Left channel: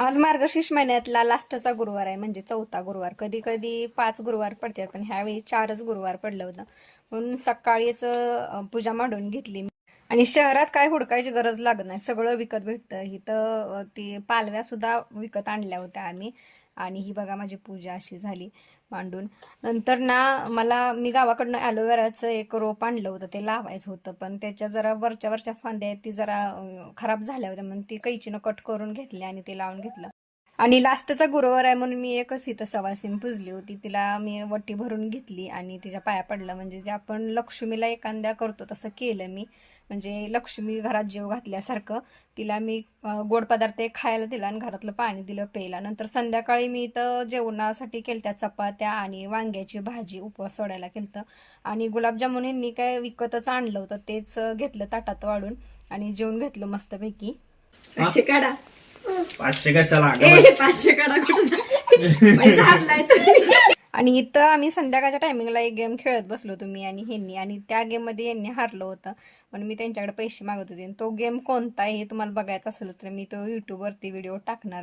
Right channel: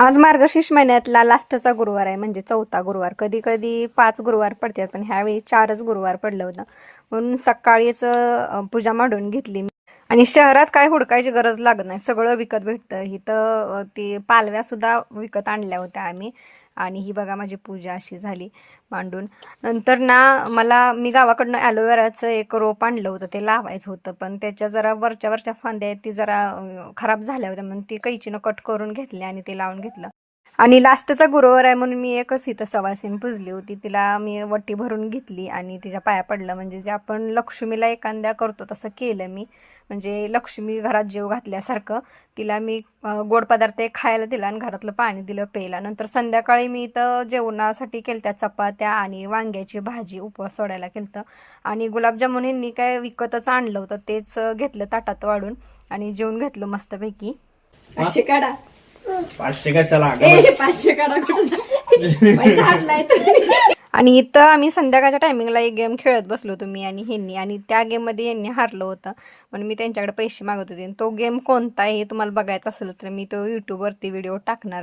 आज मार्गशीर्ष महिन्यातला लास्टचा गुरुवार आहे, म्हणजे चौथा गुरुवार. कधी कधी 5 गुरुवार पडतात, पण ह्यावेळी 4च गुरुवार पडलं होतं. म्हणून सकाळीच पूजा मांडून घेतली. आणि शहरात काय हुडकायची गरज लागत नाही, सगळं विकत भेटतं. इथं ती पालव्या सुद्धा विकत आणल्या होत्या आम्ही. आणि ही बघा माझी पूजा अशी झाली मांडून. नंतर ना मी गावाकडनं ॲलोवेराचं एक रोप आणलं होतं, ते लावायचं होतं. पण त्याच्या जरा वरच्या वरच्या फांद्या आहेत, ती जरा खराब झाल्या होत्या, म्हणून ती कैचीनं कट करून घेतली आणि ते लावून घेतलं. आणि लास्टचा गुरुवार आहे म्हणून मी एकच इथं सवासीन पुजली होती. तिला मी वटी भरून घेतली आणि तिच्या पाया पडलं. म्हणजे जे आपण लक्ष्मीला एखाद्या करतो तसं केलं मी. म्हणजे लक्ष्मी घरात जेव घातल्यासारखं तिला मी गोड पदार्थ खायला दिला आणि घरातलं पाणी दिलं प्यायला. नंतर संध्याकाळी मी इथं जेवणासाठी केलत्या चपात्या आणि वांग्याची भाजी, उपवास सोडायला केलतं. आणि गुलाबजामुन ह्यांनी काय विकतच आणलं होतं, तेच घेतलं ताटात वाढून आणि जेवून घेतलं मस्तपैकी. असे काढा 500 कशाला 500 काढा आणि इथं आम्ही संध्याकाळच्या टायमिंगला एक गेम खेळत बसलो तुम्ही आणि ह्यांनी, आणि त्या गेममध्ये यांनी हारलं होतं म्हणून मी त्यांच्याकडे पैसे मागत होते. तो गेम कोणता आहे हे तुम्हाला बघायचं असेल तर मी तो यूट्यूबवरती व्हिडिओ टाकणार आहे.